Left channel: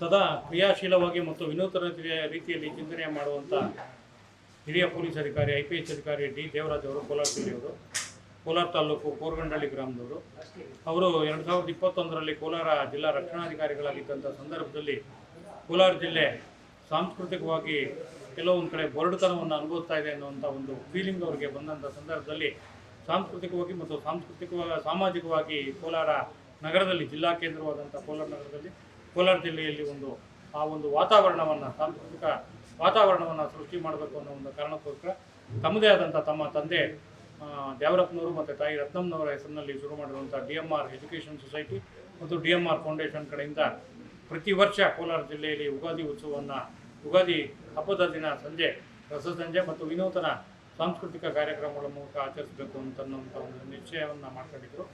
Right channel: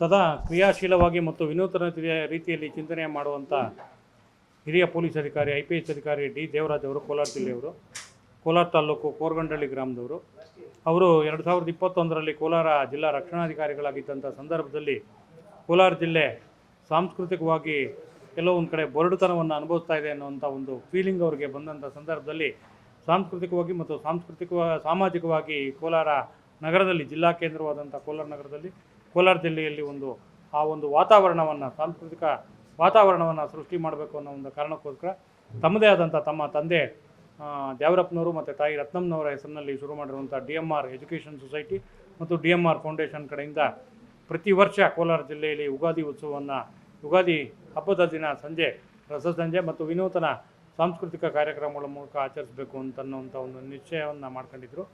ಸದಾ ಕ್ರಿಯಾಶೀಲವಾಗಿ ಮತ್ತು ವಿನೂತನ ರೀತಿಯ- ರೀತಿಯಲ್ಲಿ ಚಿಂತನೆ ಮಾಡುವಂಥ ಹಿರಿಯ ಪೊಲೀಸ್ ಅಧಿಕಾರಿ ಐ ಪಿ ಎಸ್ ಅಧಿಕಾರಿ ಡಿ ದೇವರಾಜ್ ಅವರು, ಕೋಲಾರ ಜಿಲ್ಲೆಯವರು, ಕೋಲಾರ ತಾಲೂಕು ಕೋರಗಂಡಳ್ಳಿ ಗ್ರಾಮದವರು. ಅವರು ಎರಡು ಸಾವಿರದ ಇಪ್ಪತ್ತೊಂದರಲ್ಲಿ ಕೋಲಾರ ಜಿಲ್ಲಾ ರಕ್ಷಣಾಧಿಕಾರಿಗಳಾಗಿದ್ದಂಥ ಸಂದರ್ಭದಲ್ಲಿ ಕೋಲಾರ ಜಿಲ್ಲೆ ಸಾಂಸ್ಕೃತಿಕವಾಗಿ ಕೆಲವೊಂದು ಕಡೆ ಬರಡುತನವನ್ನು ಅನುಭವಿಸ್ತಾ ಇದೆ ಅನ್ನುವಂಥ ಒಂದು ಫೀಲಿಂಗ್ ಅವರಿಗೆ ಬಂದಂಥ ಸಂದರ್ಭದಲ್ಲಿ ಸಾಂಸ್ಕೃತಿಕವಾಗಿ ಮತ್ತು ಸಾಂಸ್ಕೃತಿಕ ಸಾಮಾಜಿಕವಾಗಿ ಕೋಲಾರ ನಗರದಲ್ಲಿ ಜಿಲ್ಲಾ ಕೇಂದ್ರವಾದಂಥ ಕೋಲಾರ ನಗರದಲ್ಲಿ ಕೋಲಾರ ಜಿಲ್ಲೆಯಲ್ಲಿ ಒಂದು, ಆ ಒಂದು ವಾತಾವರಣವನ್ನು, ಸಾಂಸ್ಕೃತಿಕ ವಾತಾವರಣವನ್ನು ಸೃಷ್ಟಿ ಮಾಡಬೇಕು ಅನ್ನೋ ಒಂದು ಕಾರಣಕ್ಕೋಸ್ಕರ ತಮ್ಮದೇ ಆದಂಥ ತಮ್ಮ ತಂದೆ ದೇವರಪ್ಪನವರು ಮತ್ತು ತಾಯಿ ರತ್ನಮ್ಮನವರ ಹೆಸರಿನಲ್ಲಿ ಶುರು ಮಾಡಿರುವಂಥ D M R education society ಮತ್ತು ಡಿ ಎಂ ಆರ್ ಫೌಂಡೇಶನ್ ಕಡೆಯಿಂದ ಪ್ರತಿ ವರ್ಷ ಕೋಲಾರ ಜಿಲ್ಲೆಯಲ್ಲಿ ಯುಗಾದಿ ಉತ್ಸವವನ್ನು ಯುಗಾದಿ ಹಬ್ಬದ ದಿನ ಸಂಜೆ ರಸಸಂಜೆ ಮತ್ತು ವಿನೂತನ ಸಾಂಸ್ಕೃತಿಕ ಕಾರ್ಯಕ್ರಮಗಳ ಮೂಲಕ ಆಚರಿಸಬೇಕು ಅಂತ ಅನ್ನುವಂಥ ಒಂದು ನಿಶ್ಚಯವನ್ನು ಮಾಡ್ಕೊಂಡಿದ್ರು.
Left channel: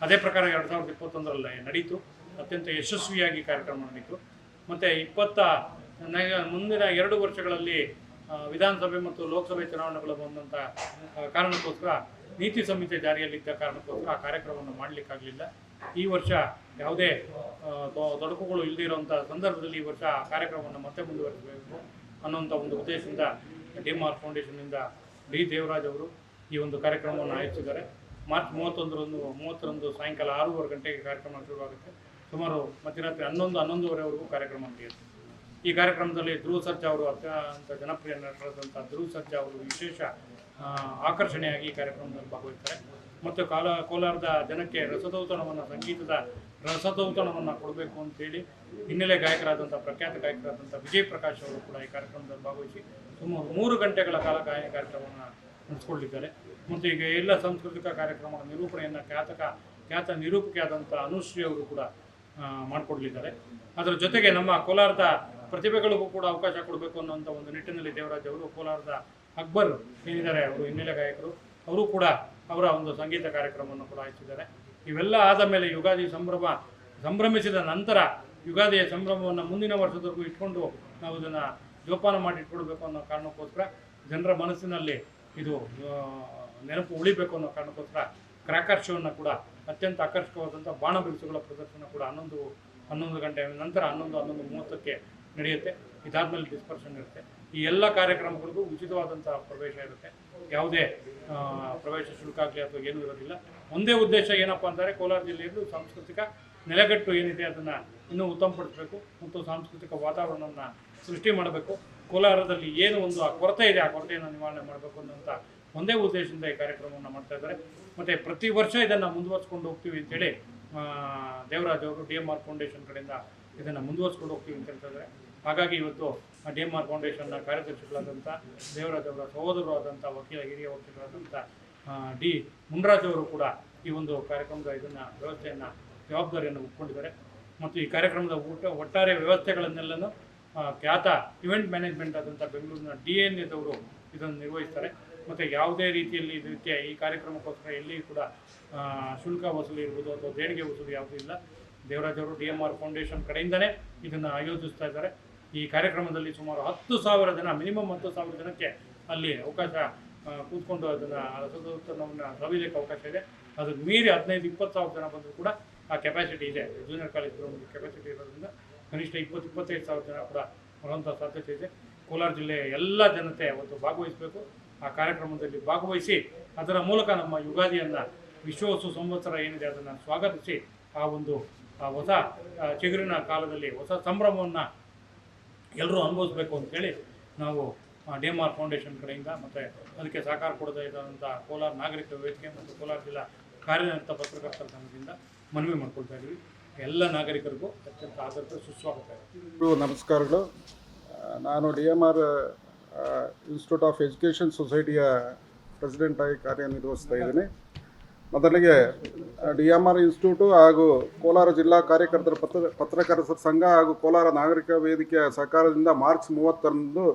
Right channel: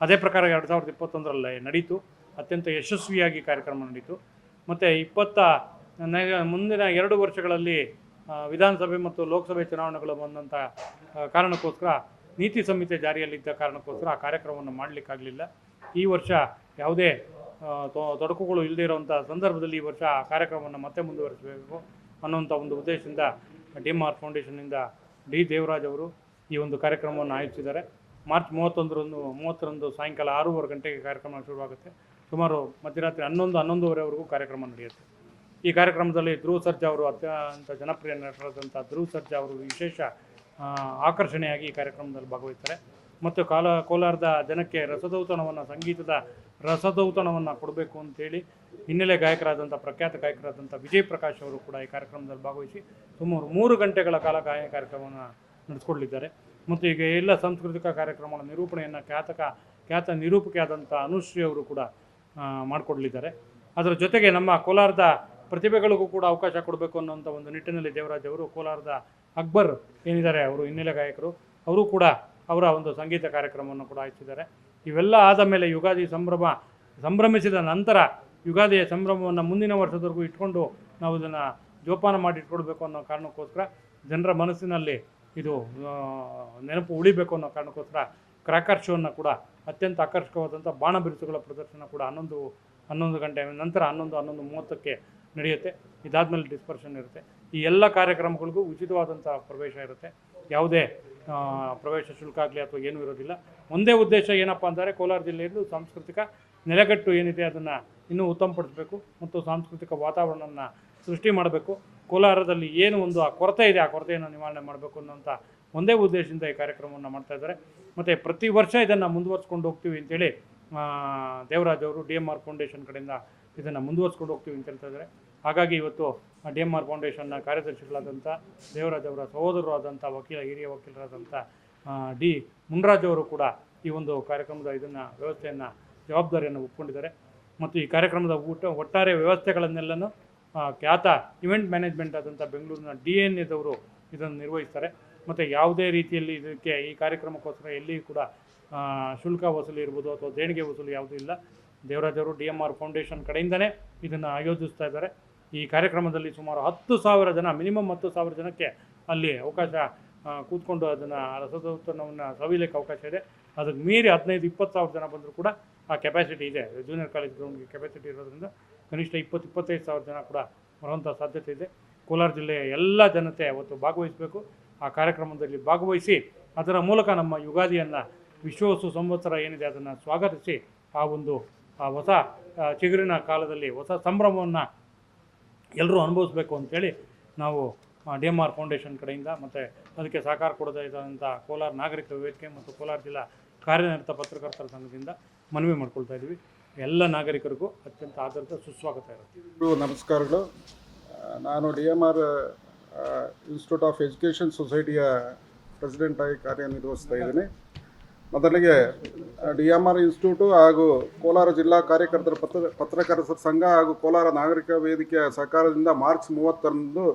ಅದೇ ಪ್ರಕಾರ ಎರಡು ಸಾವಿರದ ಇಪ್ಪತ್ತೊಂದರಲ್ಲಿ ನಡೀತು. ಅತ್ಯಂತ ಯಶಸ್ವಿಯಾಗಿ ಕಾರ್ಯಕ್ರಮ ನಡೀತು ಮತ್ತು ಇಪ್ಪತ್ತ ಮುಂದಿನ ಎರಡು ವರ್ಷಗಳಲ್ಲಿ ವಿಧಾನಸಭೆ ಮತ್ತು ಲೋಕಸಭೆ ಚುನಾವಣೆಗಳು ಬಂದಂಥ ಕಾರಣಕ್ಕೋಸ್ಕರ, ನೀತಿ ಸಂಹಿತೆ ಜಾರಿಯಲ್ಲಿದ್ದ ಕಾರಣಕ್ಕೋಸ್ಕರ ಆ ಕಾರ್ಯಕ್ರಮವನ್ನು ಮಾಡಲಿಕ್ಕಾಗಲಿಲ್ಲ. ಈ ವರ್ಷ ಯಾವುದೇ ತೊಡಕುಗಳು ಇಲ್ಲದೇ ಇರುವಂಥ ಸಂದರ್ಭದಲ್ಲಿ ಈ ವರ್ಷ ಆ ಕಾರ್ಯಕ್ರಮವನ್ನು ಮತ್ತೆ ಮುಂದುವರಿಸಬೇಕು ಅನ್ನೋಂಥ ಒಂದು ಉದ್ದೇಶದಿಂದ ಡಿ ಆರ್ ಫೌಂಡೇಶನ್ನಿಂದ ಡಿ ದೇವರಾಜ್ ಅವರು ಈ ಒಂದು ಕಾರ್ಯಕ್ರಮವನ್ನು ಆಯೋಜಿಸಿದ್ದಾರೆ. ಮಾರ್ಚ್ ಮೂವತ್ತೊಂದರಂದು, ಮೂವತ್ತರಂದು ಸಾಯಂಕಾಲ ಆರೂವರೆ ಗಂಟೆಗೆ ಕಾರ್ಯಕ್ರಮ ಶುರುವಾಗುತ್ತೆ. ಸುಮಾರು ಮಧ್ಯರಾತ್ರಿ ಹನ್ನೊಂದು, ಹನ್ನೊಂದುವರೆವರೆಗೂ ಕಾರ್ಯಕ್ರಮ ನಡೆಯುತ್ತೆ. ಈ ಕಾರ್ಯಕ್ರಮದಲ್ಲಿ ಧ್ರುವ ಸರ್ಜಾ ಅವರು ಅತ್ಯಂತ ಜನಪ್ರಿಯ ನಟರಾದಂಥ ಧ್ರುವ ಸರ್ಜಾ ಅವರು ವಿಶೇಷ ಆಕರ್ಷಣೆಯಾಗಿ ಈ ಕಾರ್ಯಕ್ರಮದಲ್ಲಿ ಭಾಗವಹಿಸ್ತಾರೆ. ಮತ್ತು ಕಾಲ, ಕೋಲಾರದ ಜನಕ್ಕೆ ರಸದೌತಣವನ್ನು, ಸಂಗೀತದ ರಸದೌತಣವನ್ನು ಕೊಡಬೇಕು ಅಂತೇಳಿ ಹಿನ್ನೆಲೆ ಗಾಯಕರಾದಂಥ, ಪ್ರಖ್ಯಾತ ಗಾಯಕರಾದಂಥ ವಿಜಯ್ ಪ್ರಕಾಶ್ ಅವರು ಕೂಡ ಈ ಕಾರ್ಯಕ್ರಮದಲ್ಲಿ ಭಾಗವಹಿಸಿ ಸುಮಾರು ಮೂರು ಗಂಟೆಗಳ ಕಾಲ ಗಾಯನ ಕಾರ್ಯಕ್ರಮವನ್ನು ನಡೆಸ್ಕೊಳ್ಳಿದ್ದಾರೆ. ಮತ್ತು ಈಗ ಎಲ್ಲ ಸಾಂಸ್ಕೃತಿಕ ಕಾರ್ಯಕ್ರಮಗಳ ನಿರೂಪಣೆಯನ್ನು ಖ್ಯಾತಕ, ಖ್ಯಾತ ನಿರೂಪಕಿಯಾದಂಥ ಅನುಶ್ರೀ ಅವರು ಕೂಡ ಮಾಡಿಕೊಡ್ಲಿದ್ದಾರೆ. ಅದರ ಜೊತೆಗೆ ನಮ್ಮ ಕೋಲಾರದ ಪ್ರತಿಭೆಗಳಿಗೂ ಕೂಡ ಅವಕಾಶ ಕೊಡಬೇಕು ಅನ್ನುವಂಥ ಒಂದು ನಿಟ್ಟಿನಲ್ಲಿ ದೇವರಾಜ್ ಅವರು, ಕೋಲಾರದ ಅಕ್ಬರ್ ಏನಿದ್ದಾರೆ, ಅವರು ಹಿನ್ನೆಲೆ ಗಾಯಕರು, ಅವರು ಕೂಡ ಅವರ ಒಂದು ಸಂಗೀತ ಕಾರ್ಯಕ್ರಮವನ್ನು ಕೂಡ ಆಯಿಸಿದ್ದಾರೆ ಇವೆಲ್ಲ ಆದ ಮೇಲೆ ಯುಗಾದಿ ಸಂಭ್ರಮ ಸಂಭ್ರಮಿಸಿದ ನಂತರ ಯುಗಾದಿಯ ಸಂಭ್ರಮವನ್ನು ಮುಂದಿನ ವರ್ಷದವರೆಗೂ ಇಟ್ಕೊಂಡು ನಾವು ಇದನ್ನು ಜೋಪಾನ ಮಾಡಿ ಇಟ್ಕೊಡ್ಬೇಕು ಅನ್ನೋ ಕಾರಣಕ್ಕೋಸ್ಕರ ಜನರ ಮನಸ್ಸಿನಲ್ಲಿ ಇದು ನೆನಪು ಉಳಿಬೇಕು ಅನ್ನೋ ಕಾರಣಕ್ಕೋಸ್ಕರ ಕ್ರ್ಯಾಕರ್ ಶೋವನ್ನು ಕೂಡ ಅತ್ಯಂತ ಆಕರ್ಷಕವಾದಂಥ ಬಾಣ ಬಿರುಸುಗಳ ಪ್ರದರ್ಶನ ಕೂಡ ಹನ್ನೊಂದು ಹನ್ನೊಂದು ಗಂಟೆ ನಂತರ ಹನ್ನೊಂದು ಹನ್ನೊಂದು ಮೂವತ್ತಕ್ಕೆ ನಡೆಯುತ್ತೆ. ಇದಾದ್ಮೇಲೆ ಡಿಸ್ಪರ್ಷನ್ ಇರುತ್ತೆ. ಈ ಎಲ್ಲ ಕಾರ್ಯಕ್ರಮಗಳಿಗೂ ಉಚಿತವಾದಂಥ ಪ್ರವೇಶ ಇರುತ್ತೆ. ಯಾವುದೇ ಪ್ರವೇಶ ಶುಲ್ಕ ಆಗಲಿ ಅಥವಾ ಏನೂ ಇರೋದಿಲ್ಲ. ಒಂದೇ ಉದ್ದೇಶ ಏನಪ್ಪ ಅಂದರೆ ಕೋಲಾರ ಜಿಲ್ಲೆಯಲ್ಲೂ ಸಾಂಸ್ಕೃತಿಕ ನೆಲೆಗಟ್ಟು ಏನಿದೆ ಅದನ್ನು ಇನ್ನೂ ಉತ್ತಮಪಡಿಸಬೇಕು ಮತ್ತು ಸಾಂಸ್ಕೃತಿಕ ವಾತಾವರಣವನ್ನು ಸೃಷ್ಟಿ ಮಾಡಬೇಕು. ಕೋಲಾರದಲ್ಲಿ ಏನು ಒಂದು ಆ ಕೊರತೆ ಇದೆ, ಆ ಕೊರತೆಯನ್ನು ನಿವಾರಣೆ ಮಾಡಬೇಕು ಅನ್ನೋಂಥ ಒಂದೇ ಉದ್ದೇಶದಿಂದ ಈ ಕಾರ್ಯಕ್ರಮವನ್ನು ಮಾಡ್ತಾ ಇದ್ದಾರೆ. ಮತ್ತು ಪ್ರತಿ ವರ್ಷ ಇದನ್ನು ಮುಂದುವರ್ಸ್ಕೊಂಡು ಹೋಗ್ತೀವಿ ಅಂತೇಳಿ ದೇವರಾಜ್ ಅವರು ಡಿ ಎಂ ಆರ್ ಫೌಂಡೇಶನ್ ಕಡೆಯಿಂದ ಇದನ್ನು ಮುಂದುವರ್ಸ್ಕೊಂಡು ಹೋಗ್ತೀವಿ ಅಂತ ಹೇಳ್ತಾ ಇದ್ದಾರೆ. ಹಾಗಾಗಿ ಇವತ್ತು ಡಿ ಎಂ ಆರ್ ಫೌಂಡೇಶನ್ನ ಕಾರ್ಯದರ್ಶಿಗಳಾದಂಥ ದೇವರಾಜ್ ಅವರ ಸಹೋದರರು ಆದಂಥ ವಕೀಲ, ಹಿರಿಯ ವಕೀಲರಾದಂಥ ಡಿ ಮುನ್ರಾಜ್ ಅವರು ಕೂಡ ಈ ಒಂದು ಕಾರ್ಯಕ್ರಮದ ಇದನ್ನು ವ್ಯವಸ್ಥೆಯನ್ನು, ಜವಾಬ್ದಾರಿಯನ್ನು ಒಪ್ಕೊಂಡಿದ್ದಾರೆ. ಮತ್ತು ಈ ಕಾರ್ಯಕ್ರಮದ ಊಟ, ಒಟ್ಟಾರೆ ವ್ಯವಸ್ಥೆಗಳನ್ನೆಲ್ಲನೂ ಖ್ಯಾತ ಇವೆಂಟ್ ಮ್ಯಾನೇಜ್ಮೆಂಟ್ ಆದಂಥ ಬೆಂಗಳೂರಿನ ಡಿ ಎನ್ ಎದವರು ಇದನ್ನು ನಿರ್ವಹಿಸ್ತಾರೆ. ಮತ್ತು ಯಾವುದೇ ರೀತಿಯಲ್ಲಿ ಇದಕ್ಕೆ ಈ ಕಾರ್ಯಕ್ರಮಕ್ಕೋಸ್ಕರ ಎಲ್ಲಿ ಕೂಡ ಶುಲ್ಕ ವಸೂಲಿ ಇರ್ಬೋದು ಅಥವಾ ದೇಣಿಗೆ ವಸೂಲಿ ಯಾವುದೂ ಇಲ್ಲ. ದೇವರಾಜವರು ಡಿ ಎಂ ಆರ್ ಫೌಂಡೇಶನ್ ಕಡೆಯಿಂದಲೇ ಇದನ್ನು ಆಯೋಜಿಸ್ತಾ ಇದ್ದಾರೆ. ಈ ಕಾರ್ಯಕ್ರಮದಲ್ಲಿ ಸುಮಾರು ಹತ್ತು ಸಾವಿರ ಜನ, ಮಿನಿಮಮ್ ಹತ್ತು ಸಾವಿರ ಜನಕ್ಕೆ ಅಲ್ಲಿ ಅವಕಾಶ ಕೂತ್ಕೊಂಡು ಅದನ್ನು ರಸದೌತಣವನ್ನು ಸವಿಲಿಕ್ಕೆ ಅವಕಾಶ ಇದೆ. ಅದಕ್ಕೆ ಮೀರಿ ಹದಿನೈದು, ಇಪ್ಪತ್ತು ಸಾವಿರ ಜನ ಬಂದರೂ ಕೂಡ ಆ ಕೆಪಾಸಿಟಿ ಇದೆ. ಜೂನಿಯರ್ ಕಾಲೇಜ್ ಗ್ರೌಂಡ್ಗೆ ಕೆಪಾಸಿಟಿ ಇರೋದ್ರಿಂದ ಕನಿಷ್ಠ ಇಪ್ಪತ್ತು, ಇಪ್ಪತ್ತೈದು ಸಾವಿರ ಜನ ಕೂಡ ಬರುವಂಥ ಸಾಧ್ಯತೆ ಇದೆ. ಕೋಲಾರ ಜಿಲ್ಲೆಯ ಎಲ್ಲ ಜನತೆ ಒಂದು ಭಾಗವಹಿಸಬೇಕು. ಆ ಕಾರ್ಯಕ್ರಮದಲ್ಲಿ ಭಾಗವಹಿಸಿ ಅದರ ಮೂಲಕ ನಮ್ಮ ಯುಗಾದಿಯನ್ನು, ವಿಶ್ವವಸ್ತು ಸಂವತ್ಸರ ಏನಿದೆ ಅದನ್ನು ಸ್ವಾಗತಿಸಿ ಆ ಒಂದು ಹೊಸ ಚಿಗುರಿನ ಕಾಲದಲ್ಲಿ ಹೊಸ ಸಂಭ್ರಮವನ್ನು ಎಲ್ಲರೂ ಅನುಭವಿಸ್ಬೇಕು ಅಂತೇಳಿ ನಾವು ಡಿ ಎಂ ಆರ್ ಫೌಂಡೇಶನ್ ಕಡೆಯಿಂದ ಮತ್ತು ಅದಕ್ಕೆ ಸಹಕಾರ ಕೊಡದೇ ಇದ್ದಂಥ ಕೋಲಾರ ನಾಗರಿಕ ವೇದಿಕೆ ಮತ್ತು ಕೋಲಾರ ಜಿಲ್ಲಾ ಕಾರ್ಯನಿರತ ಪತ್ರಕರ್ತರ ಸಂಘದಿಂದ ಮನವಿ ಮಾಡ್ಕೊಳ್ತಾ ಇದ್ದೀವಿ. ಎಲ್ಲ ನಾಗರಿಕರಿಗೂ ಅತ್ಯಂತ ಆಧಾರಿತ ಸುಸ್ವಾಗತ ಇರುತ್ತೆ. ನಮಸ್ಕಾರಗಳು. ನಾನು D M R institute of education ಸೊಸೈಟಿಯ president ಆಗಿ ಕಾರ್ಯನಿರ್ವಹಿಸ್ತಾ ಇದ್ದೀನಿ. ಮೊದಲಿಗೆ ಡಿ ಎಂ ಆರ್ ಇನ್ಸ್ಟಿಟ್ಯೂಟು ಹಾಗೂ ಕೋಲಾರ ಜಿಲ್ಲಾ ಕಾರ್ಯಕರ್ತರ ಪತ್ರ, ಪತ್ರಕರ್ತರ ಸಂಘ ಹಾಗೂ ಕೋಲಾರ ನಾಗರಿಕ ವೇದಿಕೆಯ ಸಹಕಾರದಿಂದ ಮಾರ್ಚ್ ಮೂವತ್ತರಂದು,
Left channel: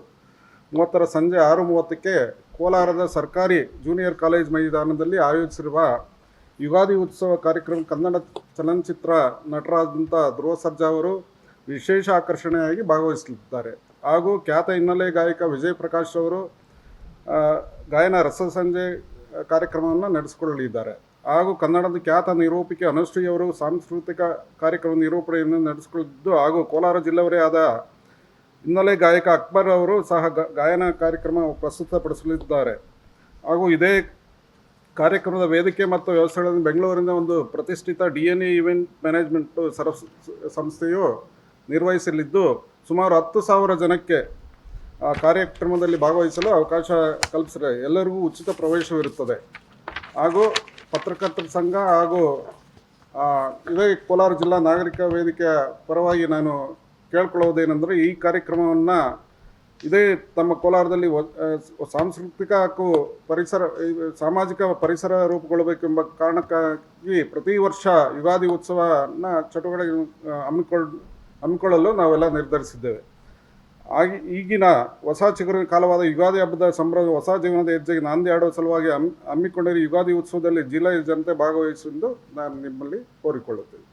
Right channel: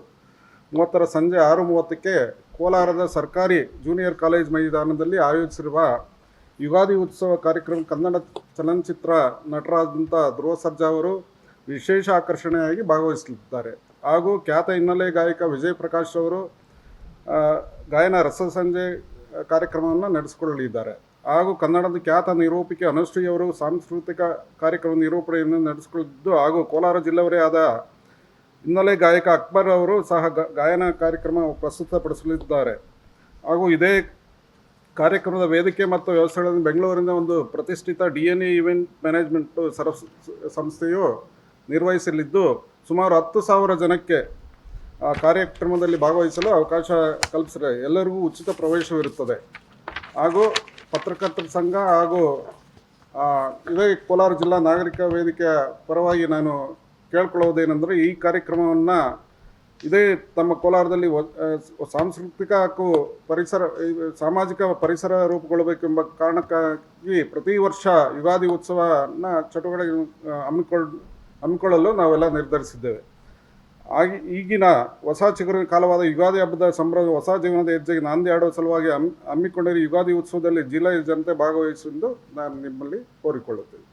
ಮೂವತ್ತರ ಸಂಜೆ ಆರು ಮೂವತ್ತಕ್ಕೆ ಕೋಲಾರದ ಸರ್ಕಾರಿ ಜೂನಿಯರ್ ಕಾಲೇಜ್ ಮೈದಾನದಲ್ಲಿ ಆಯೋಜಿಸಿರುವ ಯುಗಾದಿ ಉತ್ಸವ ಕಾರ್ಯಕ್ರಮ ಕನ್ನಡ ಚಲನಚಿತ್ರ ನಟರಾದಂಥ ಧ್ರುವ ಸರ್ಜಾ ಅವರು ವಿಶೇಷ ಆಕರ್ಷಣೆಯಾಗಿ ಭಾಗವಹಿಸಲಿದ್ದಾರೆ. ಹಾಗೂ ಖ್ಯಾತ ಹಿನ್ನೆಲೆ ಗಾಯಕ ವಿಜಯ್ ಪ್ರಕಾಶ್ ಅವರು ಗಾಯನ ಗಾಯನ ರಸಸಂಜೆ ಕಾರ್ಯಕ್ರಮವನ್ನು ನಡೆಸಿಕೊಳ್ಳಲಿದ್ದಾರೆ. ಹಾಗೂ ಕನ್ನಡದ ಖ್ಯಾತ ನಿರೂಪಿಕೆ ಅನುಶ್ರೀಯವರು ಸಾಂಸ್ಕೃತಿಕ ಕಾರ್ಯಕ್ರಮ ನಿರೂಪಣೆಯನ್ನು ನಡೆಸಿಕೊಳ್ಳಿದ್ದು ಹಾಗೂ ಕೋಲಾರ ಜಿಲ್ಲೆಯವರೇ ಆದ ಹಿನ್ನೆಲೆ ಗಾಯಕ ಅಕ್ಬರ್ ಅವರು ಸಹ ಗಾಯನ ಕಾರ್ಯಕ್ರಮ ಪ್ರಸ್ತುತಪಡಿಸಲಿದ್ದಾರೆ. ಹಾಗೂ ಇದೇ ಕಾರ್ಯಕ್ರಮದ ವೇದಿಕೆ ಮತ್ತು ವ್ಯವಸ್ಥೆಗಳನ್ನು ಬೆಂಗಳೂರಿನ ಒಂದು ಪ್ರತಿಷ್ಠಿತ ಡಿ ಎನ್ ಇವೆಂಟ್ ಮ್ಯಾನೇಜ್ಮೆಂಟ್ ಸರಸ್, ಸಂಸ್ಥೆಯು ನಿರ್ವಹಿಸಲಿದ್ದು ಸುಮಾರು ಹತ್ತು ಸಾವಿರ ಜನಕ್ಕೆ ಆ ಕಾರ್ಯಕ್ರಮದಲ್ಲಿ ಭಾಗವಹಿಸಲು ಅವಕಾಶ ಕಲ್ಪಿಸಿದೆ. ಎಲ್ಲರಿಗೂ ಉಚಿತ ಪ್ರವೇಶವಿರುತ್ತದೆ ಹಾಗೂ ಪತ್ರಕರ್ತರ ಸಂಘ ಹಾಗೂ ಇದೇ ಕೋಲಾರ ಜಿಲ್ಲಾ ನಾಗರಿಕ ವೇದಿಕೆಯ ಪರವಾಗಿ ನಾನು ಕೇಳ್ಕೊಳ್ಳೋದೇನೆಂದರೆ ಈ ಕಾರ್ಯಕ್ರಮವನ್ನು ಇದೇ ತಮ್ಮ ಕೋಲಾರದಲ್ಲಿ ಸಾಂಸ್ಕೃತಿಕ ಹಾಗೂ ಪರಿಸರ ಸಾಮಾಜಿಕ ಪರಿಸರ ರೂಪುಗೊಳ್ಳಬೇಕೆಂಬ ಕಾರಣಕ್ಕಾಗಿ ಪ್ರತಿ ವರ್ಷ ಯುಗಾದಿ ಉತ್ಸವನ ಚಟುವಟಿಕೆ ಹಮ್ಮಿಕೊಳ್ಳ ಹಮ್ಮಿಕೊಳ್ಳಲು ನಾವೆಲ್ಲ ನಿರ್ಧರಿಸಿದ್ದೇವೆ. ಆಗಿ ಈಗಿನ ಹೊಸ ಚಿಗುರಿನ ಕಾಲವಾದ ಯುಗಾದಿ ಹಬ್ಬದ ಸಂಭ್ರಮ ಹೊಸ ಜೀವನದ ಹೆಜ್ಜೆಗೆ ನಾಂದಿ ಆಡುವ ಸಲುವಾಗಿ ಹಮ್, ಹಮ್ಮಿಕೊಂಡಿರುವ ಯುಗಾದಿ ಉತ್ಸವದಲ್ಲಿ ಜಿಲ್ಲೆಯ ಜನತೆ ಭಾಗವಹಿಸೆಂದು ನಾನು ನಿಮ್ಮಲ್ಲಿ ಕೋರಿಕೊಳ್ಳುತ್ತೇನೆ.